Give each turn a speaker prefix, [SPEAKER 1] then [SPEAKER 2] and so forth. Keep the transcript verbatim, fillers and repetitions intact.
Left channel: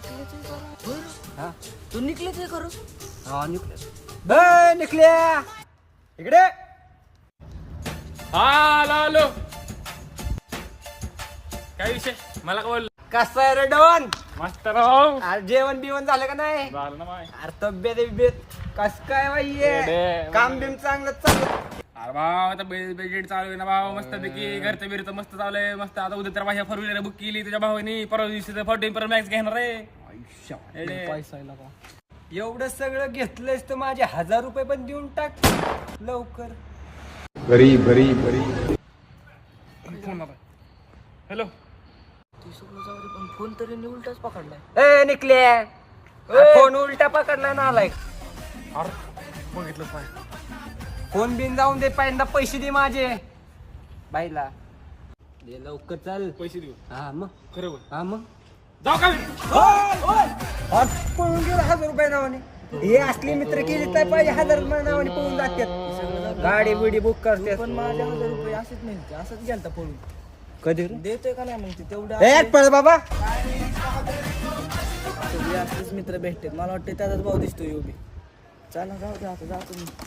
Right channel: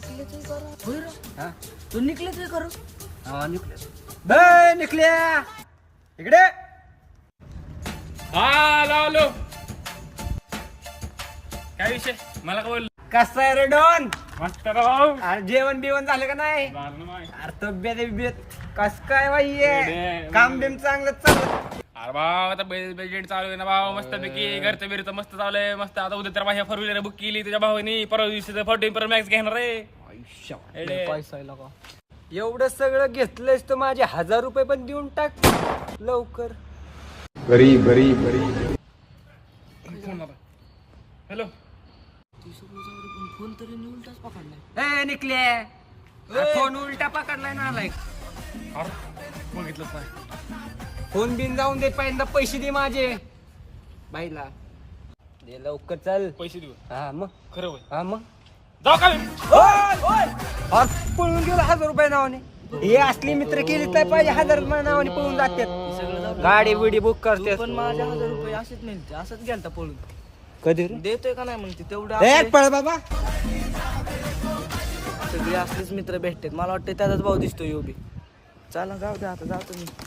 [SPEAKER 1] निकले ते करू
[SPEAKER 2] हा
[SPEAKER 1] तू निकले ते करू
[SPEAKER 2] हा निकले बे निकल्या इकडे
[SPEAKER 3] हा आलो आलो. काय विषय मला का बोल.
[SPEAKER 2] कसं आहे रे डॉन
[SPEAKER 3] मस्त राव.
[SPEAKER 2] अरे जेवण बिवण झालं का नाही
[SPEAKER 3] झालं ना माय.
[SPEAKER 2] अरे तब्येत बिब्येत कस काय बाई
[SPEAKER 3] रेडे.
[SPEAKER 2] काम बिम चांगलं चाललं
[SPEAKER 3] अरे भाऊ आता बजेट चालू आहे ना भाऊ मस्त पैकी घरचं बिरचं मस्त चालू आहे मस्त. आता उद्या तर माझ्या फोर व्हीलर बुक केली तुझ्या भावानी परवा दिवशी फोर्टीन पर मॅक्स घेणार रे. रेडे.
[SPEAKER 2] पैसा आहे लका. एवढं सगळं घेतलंयस तर माझे हजार रुपये पण देऊन टाक लवकर.
[SPEAKER 4] गरीब गरीब गरीब
[SPEAKER 3] हॅलो
[SPEAKER 1] ती सगळं जाऊ दे, पण फोन तरी मी उलटाच पकडलाय.
[SPEAKER 2] ए निकल्या फोन उलटा पकडला ना आलाय.
[SPEAKER 3] बघितलं पाय.
[SPEAKER 2] फोन बिन जाऊन दे पहिल्यांदा पैसे दे माझे बाईला दे लवकर चल.
[SPEAKER 3] पैसे देऊ
[SPEAKER 2] हा मग
[SPEAKER 3] खरं बोल.
[SPEAKER 2] हा मग
[SPEAKER 3] जाऊ का
[SPEAKER 2] आज पळून गेलो हजार रुपये नावाने. हे असली मित्र केली नाही पाहिजे हजार रुपये नावाने पळून जातात. गाडी बिडी बुक करते
[SPEAKER 1] पण माझे हजार रुपये असेच नाही ते असंच गेलता पळून.
[SPEAKER 2] कधी
[SPEAKER 1] देतोय का नाही मग ते तेवढं
[SPEAKER 2] ए
[SPEAKER 1] आपले
[SPEAKER 2] पळ बाबा.
[SPEAKER 1] सगळे असलेच मित्र भेटतात. मला वाटतं त्याचाच भाऊ दिसतो योबी. चला जाऊ दे आता जातो मी.